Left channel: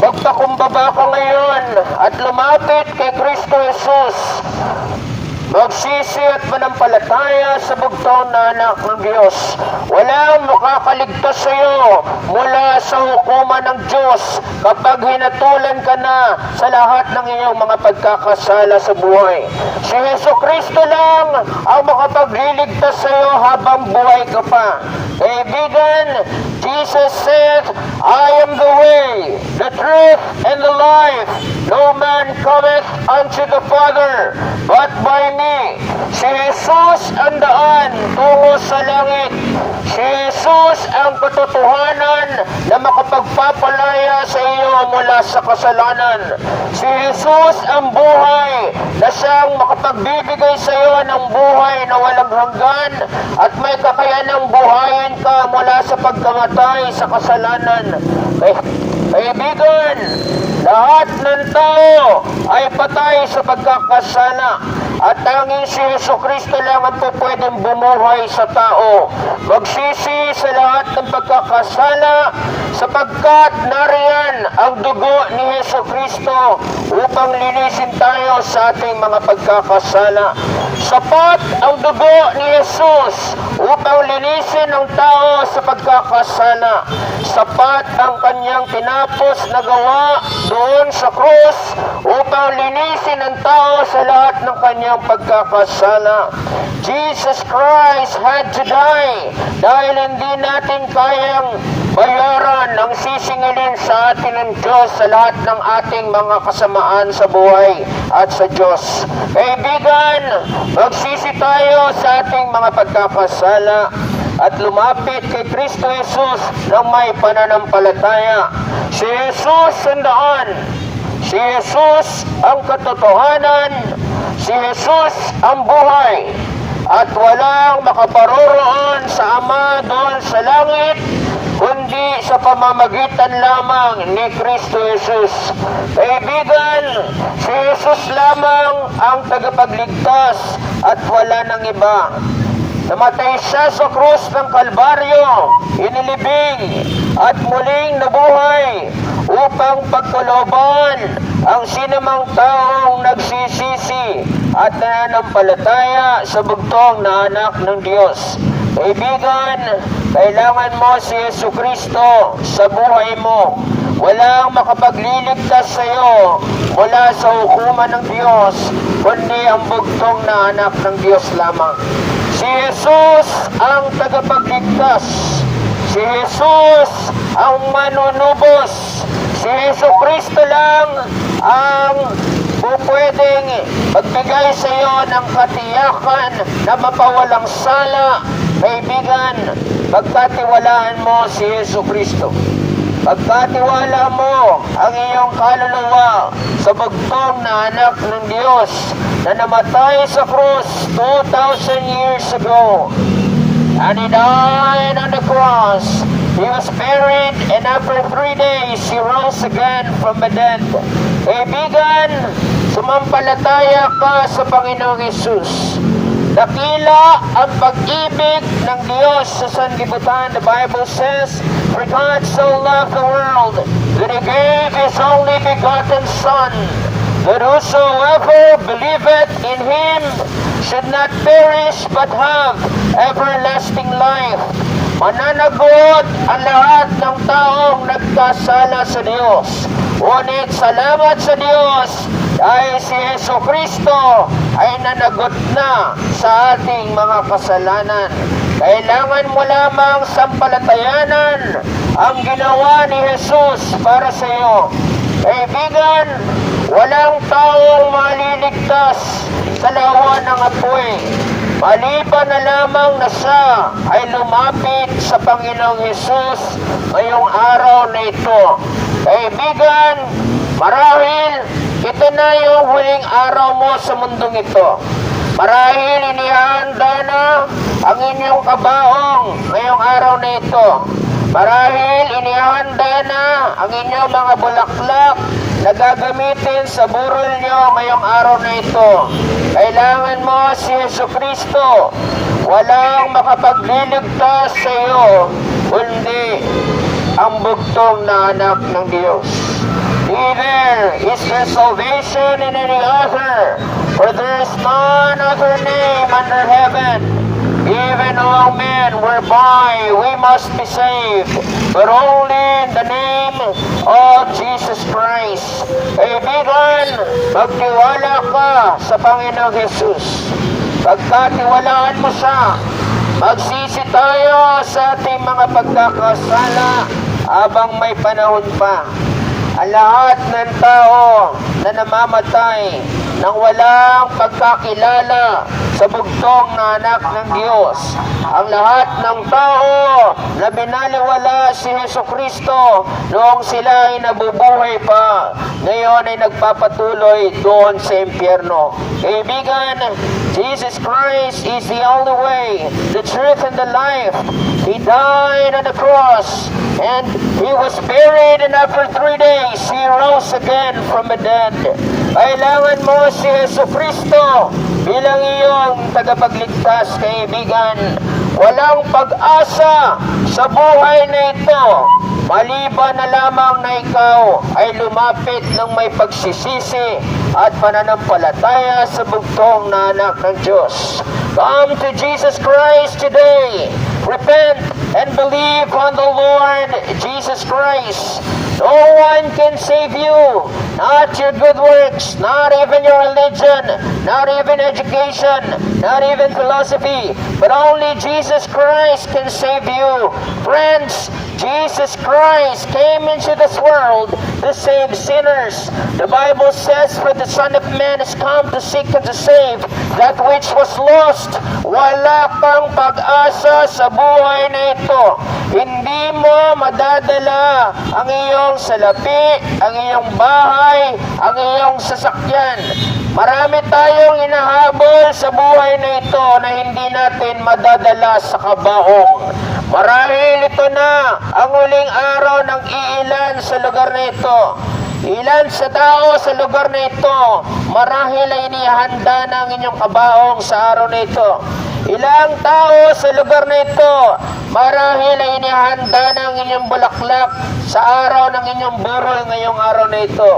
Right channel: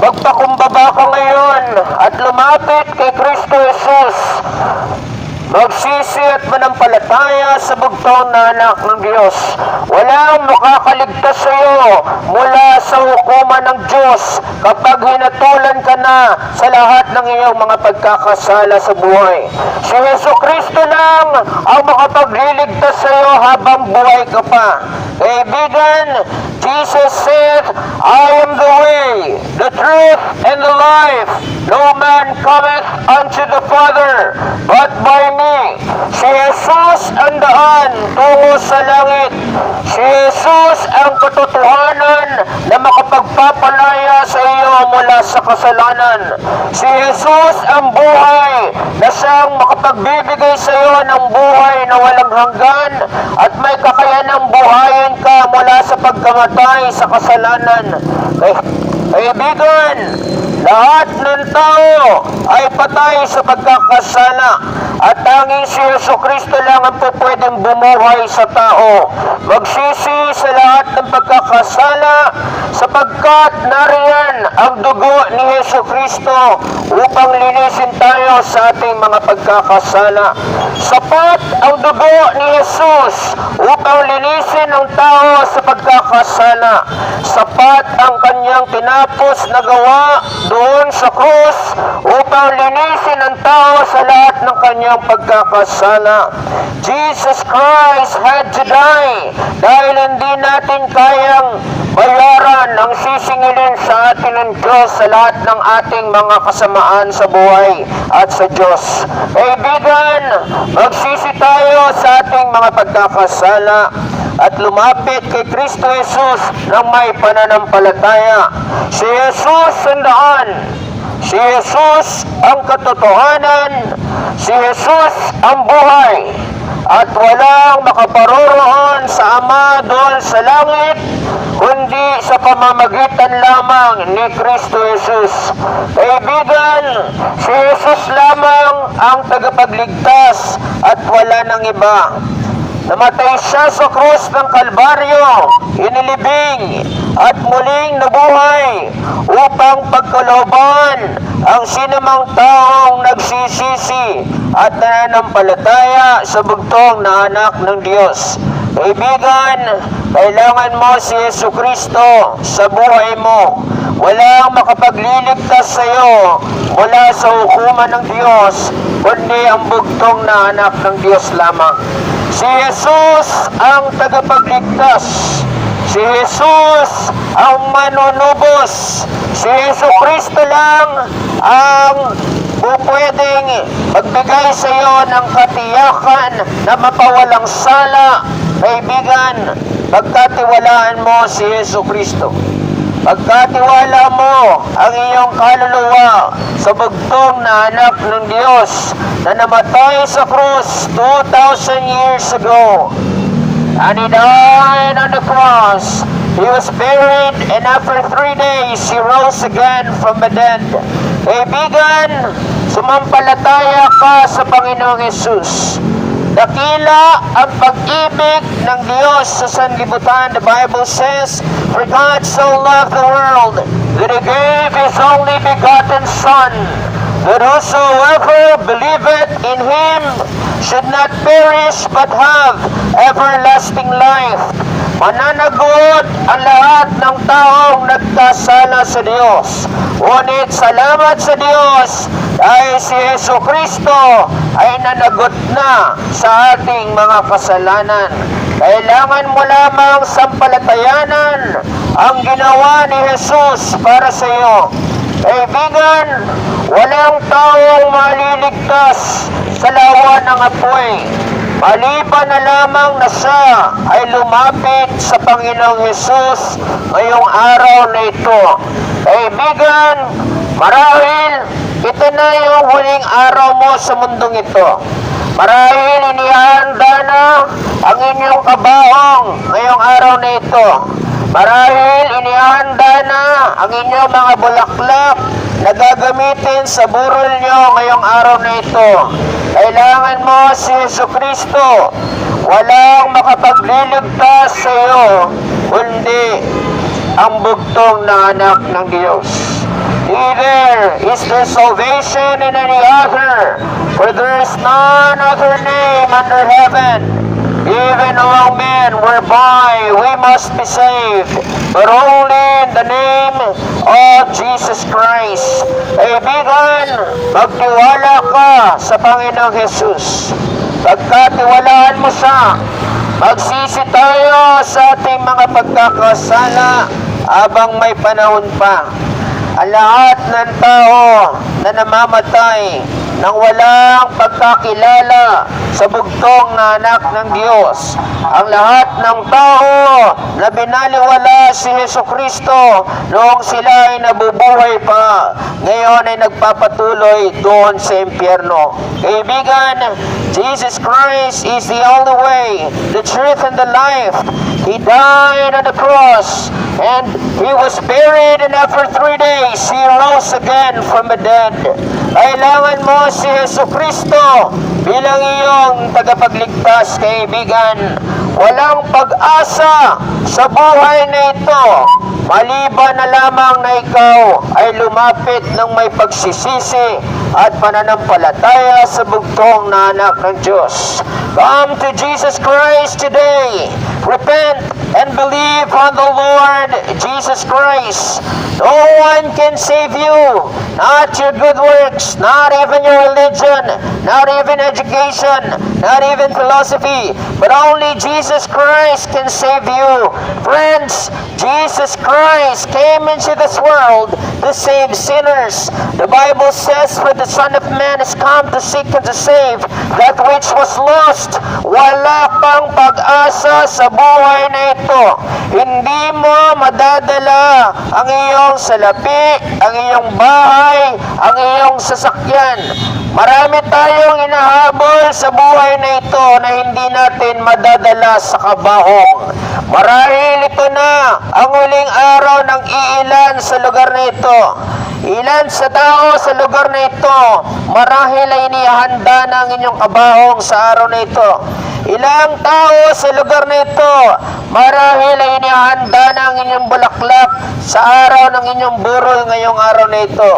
Magpakumbaba ka ngayon at lumapit kay Kristo Jesus. Magsisi at manampalataya sa bugtong na anak ng Diyos. Walang makakaligtas sa iyo mula sa hukuman ng Diyos kapag hinatulan ka na sa lahat ng iyong mga pagkakasala sa buhay. Si Jesucristo lang ang makapagliligtas sa iyo habang buhay ka pa. Kaibigan, Jesus said, I am the way, the truth, and the life. No man cometh unto the Father, but by me. Si Jesus ang daan tungo sa langit. Si Jesus ang katotohanan na makapagpapalaya sa iyo mula sa kasalanan. Si Jesus ang buhay na siyang makapagbibigay sa iyo ng buhay na walang hanggan at may kakayanang buhayin ka mula sa pagkamatay sa kasalanan. Kaibigan, lahat ng tao ay patay sa pagkakasala at tanging si Jesucristo lang ang pwedeng bumuhay sa tao. Magsisi sa lahat ng pagkakasala sapagkat nariyan ang dugo ni Jesucristo upang linisin tayo sa ating mga pagkakasala. Sapat ang dugo ni Jesus upang linisin ang tao sa pagkakasala. Sapat ang kanyang tinapos na gawa doon sa krus upang linisin ang tao sa lahat ng kanyang pagkakasala. Jesus Christ had to die dahil hindi natin kayang bayaran ang sisingilin sa atin ng Diyos sa lahat ng ating mga kasamaan sa buhay at sa Diyos. Kaibigan, magsisi tayo sa ating mga pagkakasala at lumapit kay Kristo Jesus ng may pananampalataya. Si Jesus ang daan. Si Jesus ang katotohanan. Si Jesus ang buhay. At walang makaparoroon sa Ama doon sa langit kundi sa pamamagitan lamang ni Kristo Jesus. Kaibigan, si Jesus lamang ang tagapagligtas at wala nang iba. Namatay siya sa krus ng Kalbaryo, inilibing at muling nabuhay upang pagkalooban ang sinumang taong nagsisisi at nananampalataya sa bugtong na anak ng Diyos. Kaibigan, kailangan mo si Jesucristo sa buhay mo. Walang makapagliligtas sa iyo mula sa hukuman ng Diyos, kundi ang bugtong na anak ng Diyos lamang. Si Jesus ang tagapagligtas. Si Jesus ang manunubos. Si Jesucristo lang ang pwedeng magbigay sa iyo ng katiyakan na mapawalang sala. Kaibigan, pagkatiwalaan mo si Jesucristo. Pagkatiwala mo ang iyong kaluluwa sa bugtong na anak ng Diyos na namatay sa krus 2,000 years ago. And He died on the cross. He was buried, and after 3 days, He rose again from the dead. Kaibigan, sumampalataya ka sa Panginoong Jesus. Dakila ang pag-ibig ng Diyos sa sanlibutan. The Bible says, For God so loved the world that He gave His only begotten Son, that whosoever believeth in Him should not perish but have everlasting life. Mananagot ang lahat ng taong nagkasala sa Diyos. Ngunit salamat sa Diyos dahil si Jesucristo ay nanagot na sa ating mga kasalanan. Kailangan mo lamang sampalatayanan ang ginawa ni Jesus para sa iyo. Kaibigan, walang taong maliligtas sa lawa ng apoy. Maliban na lamang na siya ay lumapit sa Panginoong Hesus ngayong araw na ito. Kaibigan, marahil ito na yung huling araw mo sa mundong ito. Marahil inihanda na ang inyong kabaong ngayong araw na ito. Marahil inihanda na ang inyong mga bulaklak na gagamitin sa burol nyo ngayong araw na ito. Kailangan mo si Jesucristo. Walang makapagliligtas sa iyo kundi ang bugtong na anak ng Diyos. neither is there salvation in any other, for there is none other name under heaven, even among men, whereby we must be saved, but only in the name of Jesus Christ. Kaibigan, magtiwala ka sa Panginoong Jesus. Pagkatiwalaan mo siya, magsisi tayo sa ating mga pagkakasala habang may panahon pa. Ang lahat ng tao na namamatay nang walang pagkakilala sa bugtong na anak ng Diyos. Ang lahat ng tao na binaliwala si Jesucristo noong sila ay nabubuhay pa, ngayon ay nagpapatuloy doon sa impyerno. Kaibigan, Jesus Christ is the only way, the truth, and the life. He died on the cross, and He was buried, and after 3 days, He rose again from the dead. Kailangan mo si Jesucristo bilang iyong tagapagligtas, kaibigan. Walang pag-asa sa buhay na ito, maliban na lamang na ikaw ay lumapit ng may pagsisisi at pananampalataya sa bugtong na anak ng Diyos. Come to Jesus Christ today. Repent and believe on the Lord Jesus Christ. No one can save you. Not your good works, not even your religion, not even education, not even philosophy, but only Jesus Christ can save you. Friends, Jesus Christ came into this world to save sinners. The Bible says, for the Son of Man is come to seek and to save that which was lost. Wala pang pag-asa sa buhay na ito. Hindi mo madadala ang iyong salapi, ang iyong bahay, ang iyong sasakyan. Marami tayong inahabol sa buhay na ito na hindi natin madadala sa kabahong. Marahil ito na ang huling araw ng iilan sa lugar na ito. Ilan sa tao sa lugar na ito, marahil ay inihanda ng inyong kabahong sa araw na ito. Ilang tao sa lugar na ito, marahil ay inihanda ng inyong bulaklak sa araw ng inyong burol ngayong araw na ito.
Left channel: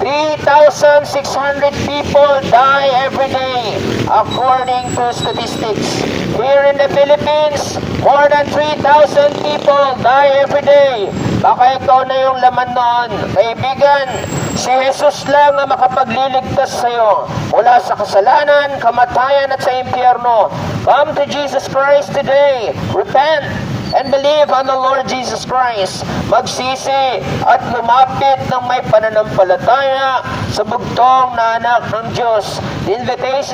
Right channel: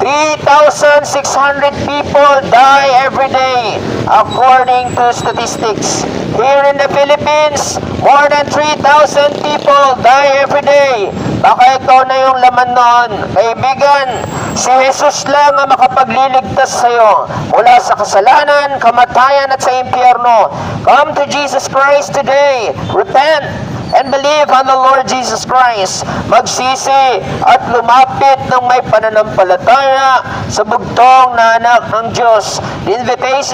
3,600 people die every day according to statistics. Here in the Philippines, more than 3,000 people die every day. Baka ikaw na yung laman noon. Kaibigan, si Jesus lang ang makapagliligtas sa iyo mula sa kasalanan, kamatayan at sa impyerno. Come to Jesus Christ today. Repent and believe on the Lord Jesus Christ. Magsisi at lumapit ng may pananampalataya sa bugtong na anak ng Diyos. The invitation